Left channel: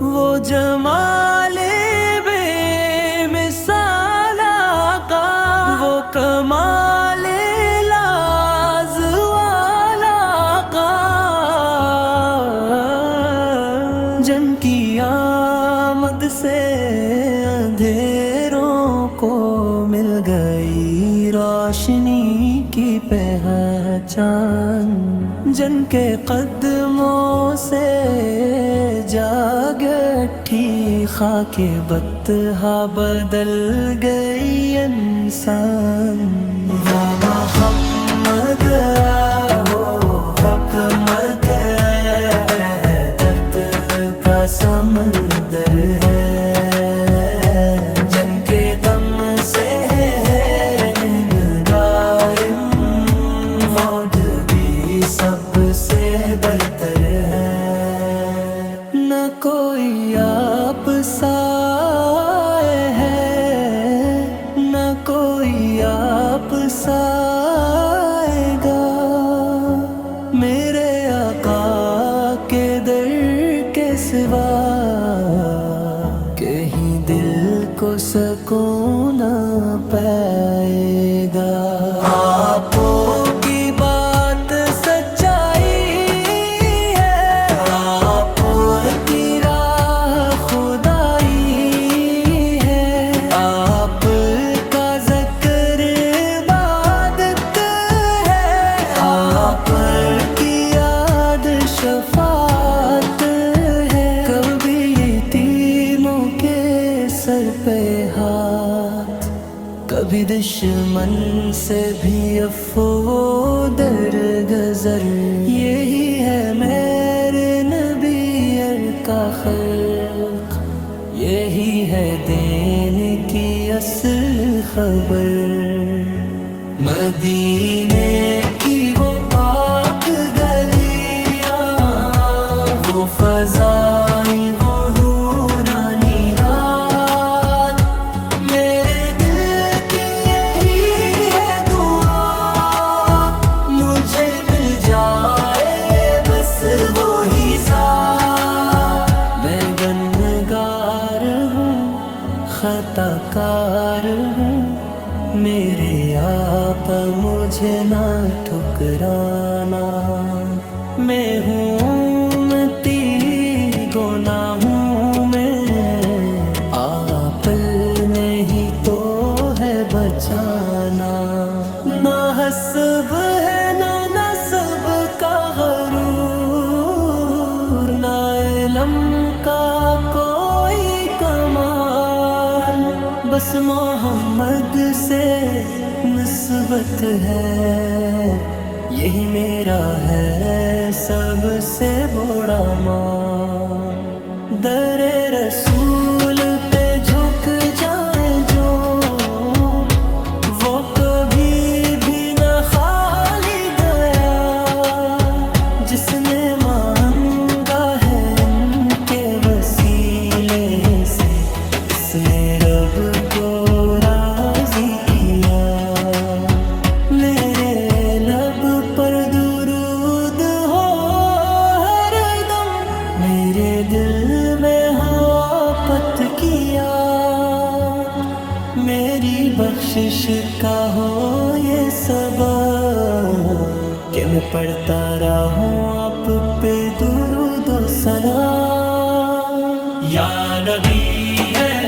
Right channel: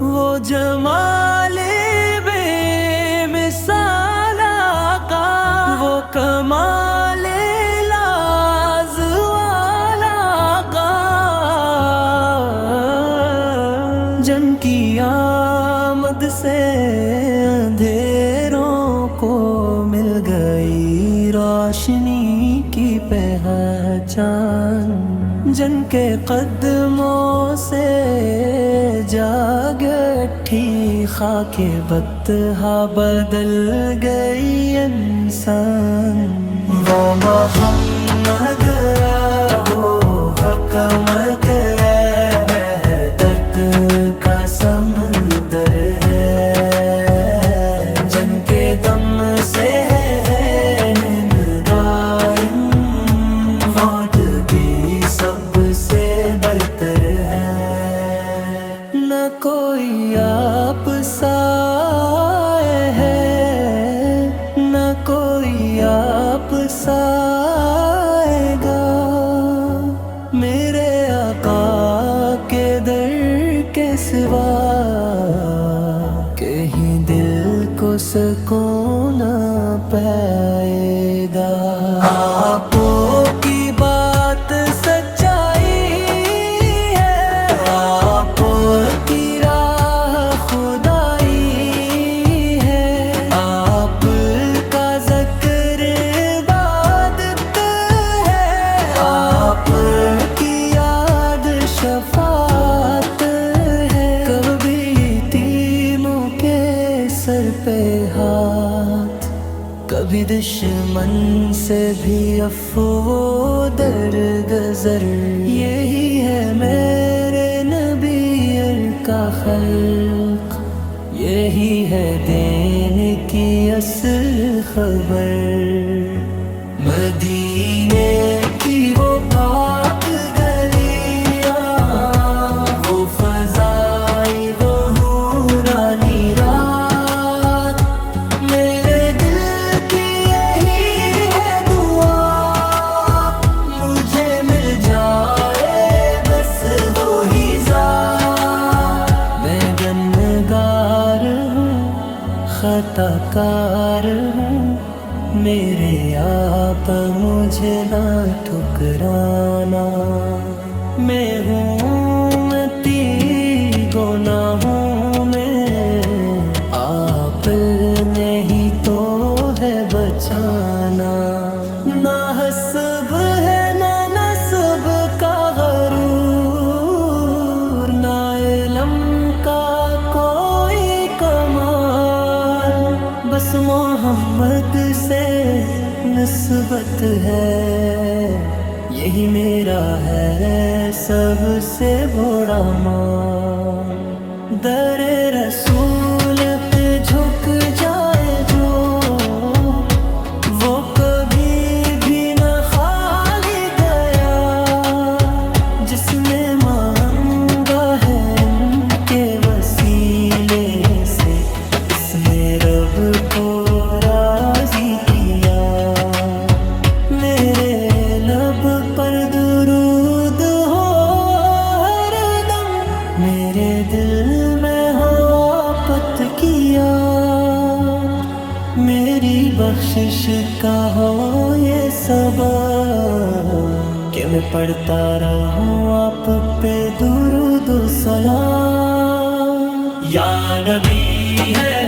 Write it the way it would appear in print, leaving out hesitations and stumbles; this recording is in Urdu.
وہ جمالِ بے مثال آقا، وہ کمال لاز والا آقا، جن کی آمد سے اندھیروں کو مل گئی روشنی کی پہچان، جن کے قدموں سے جاگ اٹھی خاک بطحا بدل گئی انسان۔ وہ محمد ہو حکمت وحدت کا سمندر ہے، جن کے دم سے دائم موج بھی سب سے بہتر ہے۔ نہ کوئی آپ سائے ہے، نہ کوئی آپ سائے گا، میرے آقا کے در کے سوا کہیں دل کو سکون نہ پائے گا۔ آپ کی بات سچائی ہے، آپ کی راہ خدائی ہے، آپ کا ذکر عبادت ہے، آپ کی یاد شفاعت ہے۔ کبھی یتیموں کے سر پہ ہاتھ، کبھی دشمن سے بھی عفو درگزر، یہی ہے میرے نبی کا خلق، یہی ہے دین کی اصل خبر۔ مدینے کی وہ پاک گلیاں، وہ فضائیں، وہ نورانی رات، میرے دل کی یہی ہے دعا، مجھے مل جائے بس وہی ذات۔ میں گنہگار ہوں، خطا کار ہوں، میرے آپ مجھے نہ ٹھکرانا۔ میں ہوں امتی گناہوں میں، آپ نے ہی تو ہے بچانا۔ نہ حسب ہے نہ نسب کا غرور، نہ علم کا کوئی کمال، بس محمد سے نسبت ہے، یہی میرا ہے سب سے بڑا مان۔ در رسول پہ جھک جائے جو، وہ کبھی بھی نہ خالی گیا، جس نے مانگا ہے ان کے وسیلے سے، اس نے رب کو راضی کیا۔ میرے لب پر درود ہو ہر دم، میرے دل میں ہو آفت کی یاد، میری بخشش کا ہو یہ سبب کہ میں پڑھتا رہوں آپ پہ درود و سلام۔ یا نبی ہے